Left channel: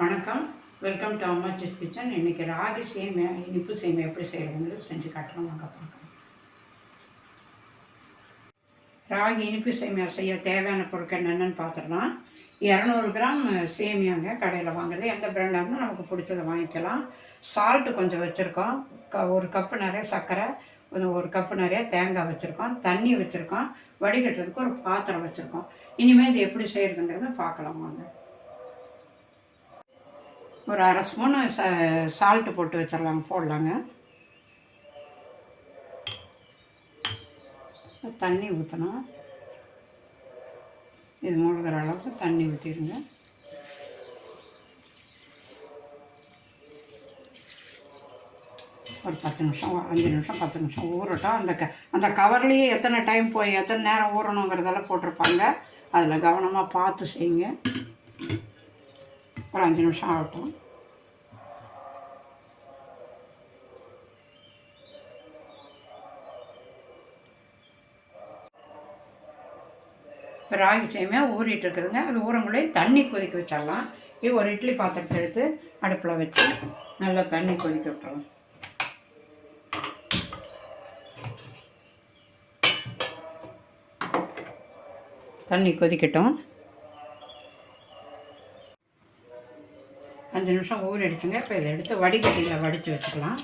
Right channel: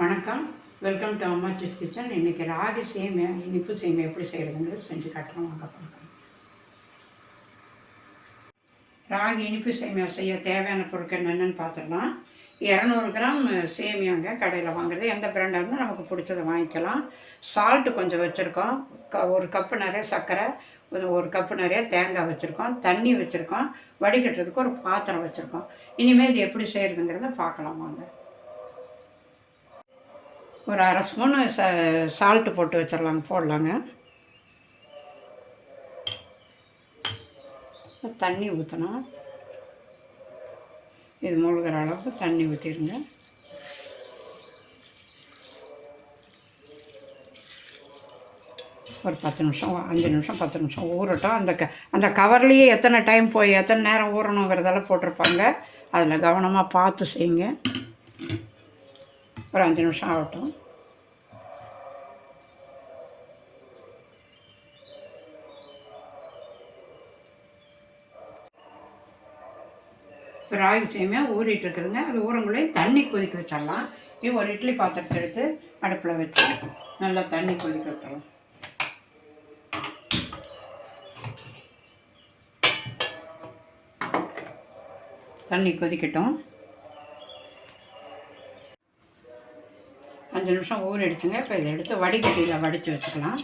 வணக்கம். Welcome to அம்மா sis kitchen இன்றைக்கி ராகி சேமியா இனிப்பு சேமியா எப்படி செய்கிறதுங்கிறது செஞ்சு காட்டுறோம் வாங்க பார்க்கலாம். ராகி இனிப்பு சேமியா செய்ய தேவையான பொருட்கள் என்னென்னு பார்த்துடலாம். இரநூறு கிராம் சேமியாங்க கடையில் வாங்குறது. எந்த பிராண்டாக இருந்தால் நமக்கு பிடிச்சதை வாங்கிக்கலாம். சால்ட்டு கொஞ்சம் வச்சுருக்கோம். க ஒரு கப்பு நிறைய சர்க்கரை ஒரு ஒரு கப்பு நிறைய தேங்காய் வச்சுருக்கோம். தண்ணி வச்சுருக்கோம். வடிகட்டுறதுக்கு ஒரு பாத்திரம் வச்சுருக்கோம். இனிமேல் இது எப்படி செய்கிறதுங்கிறத பார்க்கலாம். வாங்க. ஒரு அரை ஸ்பூனு ச சால்ட்டு போட்டு வச்சிடலாங்க போடலாங்க. தண்ணி ஊற்றணும் இது மூழ்கிற அளவுக்கு தண்ணி ஊற்றிடுங்க ஒரு பத்து நிமிஷம் அஞ்சு நிமிஷம் பத்து நிமிஷம் ஊறட்டும். அந்த க அந்த கவர்லேயே எத்தனை டைம் போய் எத்தனை நேரம் ஊறணுங்கிறதெல்லாம் போட்டிருப்பாங்க. அதில் கவனமாக பார்த்து செய்யுங்க. ஒரு அஞ்சு நிமிஷம் ஆகட்டும். இப்போ ராகி சேமியாக ஊறிட்டு இருக்குதுங்க. அது ஊறங்குள்ளே தண்ணி கொதிக்க வச்சிடலாம். இது ஒரு இட்லி பாத்திரத்தை எடுத்து அடுப்பில் வச்சு நல்லா தண்ணி கொதிக்க விட்டுறலாம். தண்ணி கொதிக்கட்டும். அஞ்சு நிமிஷம் ஊறிடுச்சுங்க இப்போ இதை எடுத்து வடிகட்டியில் வடித்து வச்சுக்கலாம்.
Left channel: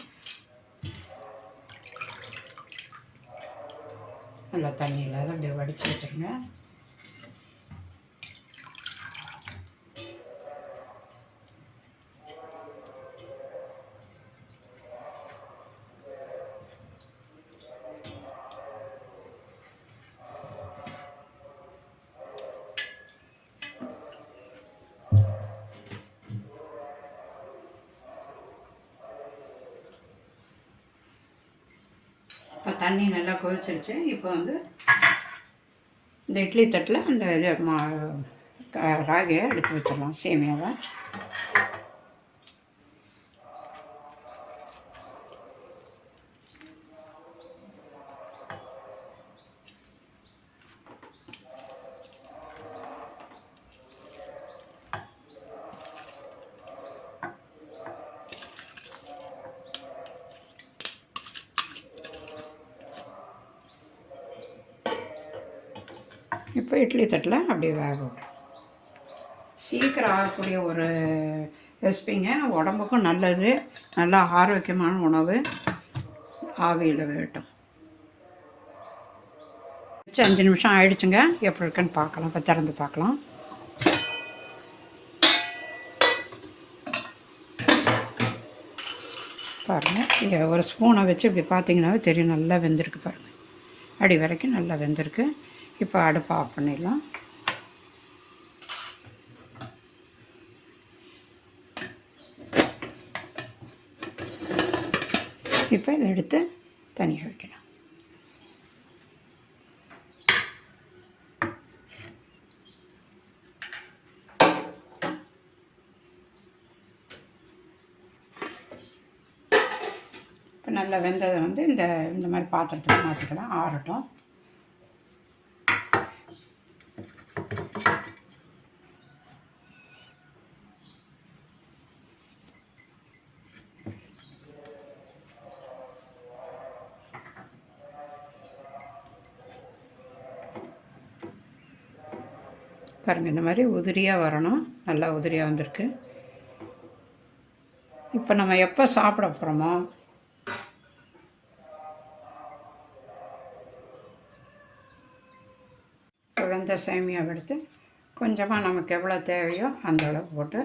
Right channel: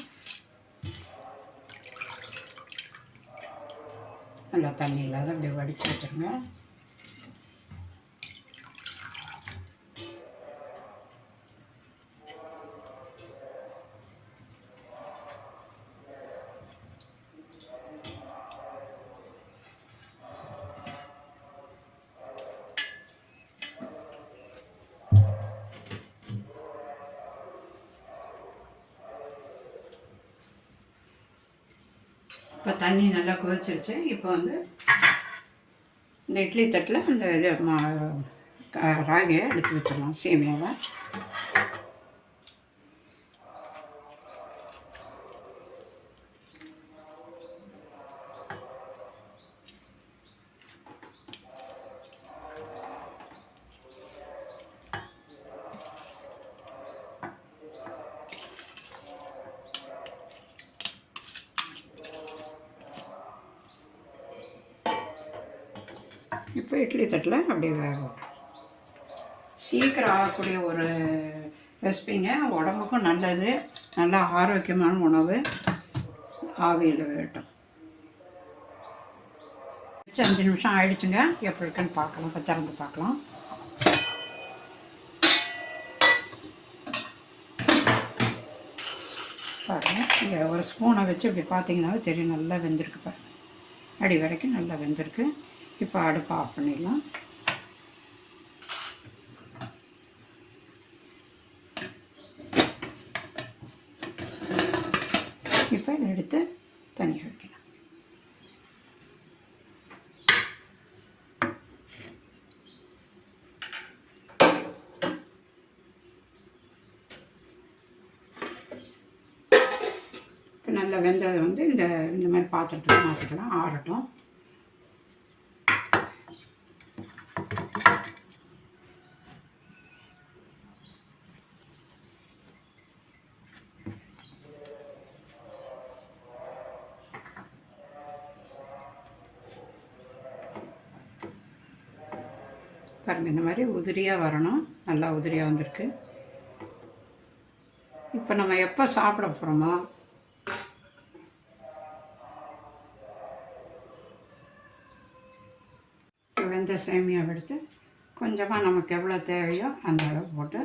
நல்லா தண்ணி இல்லாத அப்படியே வடித்து வச்சுருங்க. இப்போ தண்ணி நல்லா கொதிச்சிருச்சு. இப்போ வந்து இந்த இட்லி தட்டில் இந்த இது மா ராகியை எடுத்து வச்சிடலாம் சேமியாவை. இப்போ இட்லி தட்டில் அப்படியே வேக சீக்கிரம் ஆகக்கூடிய ஒரு ரெசிபிங்க. உடம்புக்கும் நல்லது. நல்லா ஆரோக்கியமான உணவு. ஆவியில் வேட்டும் அஞ்சு நிமிஷம் ஆயிடுச்சுங்க. எப்படி இருக்குன்னு பார்க்கலாம். இப்போ திறந்து பார்க்கலாம். பாருங்கள் இங்கே ஒரு ஸ்பூனை வச்சு இப்படி பார்த்தீங்கன்னாவே தெரியும். நல்லா வெந்திருக்கு பாருங்கள் அடி வரைக்கும் நல்லா வெந்திருக்கு. இப்போ அடுப்பு ஆஃப் பண்ணிடலாம். இப்போ இதை எடுத்து தனியாக வைக்கலாம் இப்போ நல்லா வெந்ததை வந்து இந்த இந்த மாதிரி பாத்திரத்துக்கு மாற்றிக்கலாம் ஆறட்டும். பாருங்கள் இந்த மாதிரி உதிரியாக வரணும். நல்லா உதிரியாக வந்திருக்கு. இப்போ நம்ம எப்போ சாப்பிட போகிறோமோ வெந்த சேமியாவை எடுத்து கொஞ்சமாக நமக்கு எவ்வளோ தேவையோ அந்த அளவு போட்டு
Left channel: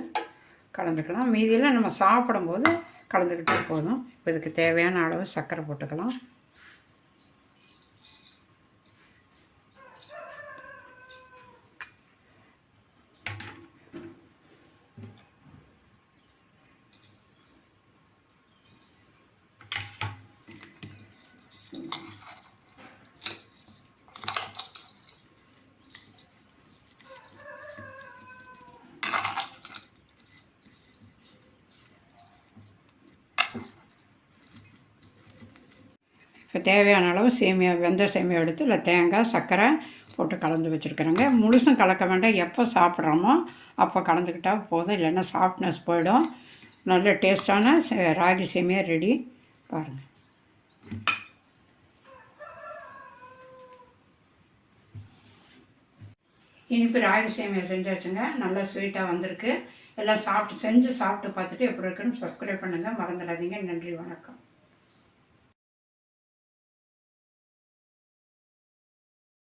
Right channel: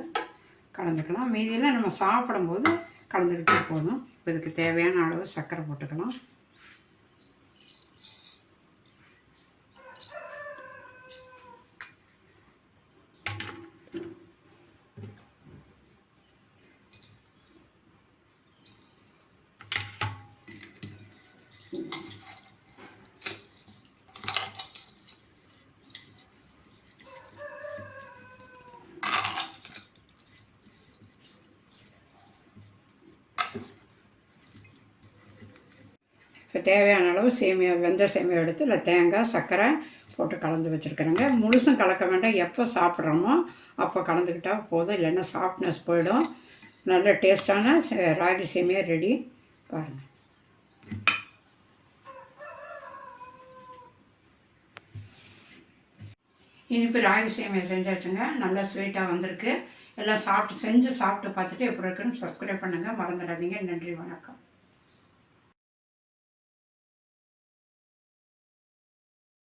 கலந்துக்கலாம். மீதியெல்லாம் நம்ம சாப்பிடும்போது கலந்துக்கிட்டே போதும். இதுக்கு தேவையான அளவு சர்க்கரை போட்டுக்கலாம். இப்போ தேவையான அளவு சேமியா வெந்த சேமியா எடுத்து இல்லை தேங்காய் சர்க்கரை போட்டு கலந்து வச்சுருக்குறேங்க. முழுசும் கலக்க வேண்டாம். எப்போ சாப்பிட்றோமோ அப்போ கலந்துக்கிட்டால் போதும். இல்லைன்னா சாஃப்ட்னஸ் போயிடும். நல்ல டேஸ்டான சே- ராகி சேமியா ரெடி பாருங்கள் இனிப்பு ராகி சேமியா செஞ்சாச்சுங்க. நல்லா ஸ்வீட்டாக வந்திருக்கு. எல்லாம் சாப்பிட்டு செஞ்சு சாப்பிட்டு பார்த்துட்டு எப்படி இருக்குன்னு சப்ஸ்கிரைப் பண்ணுங்கள் மறந்துடாதீங்க. நன்றி வணக்கம்.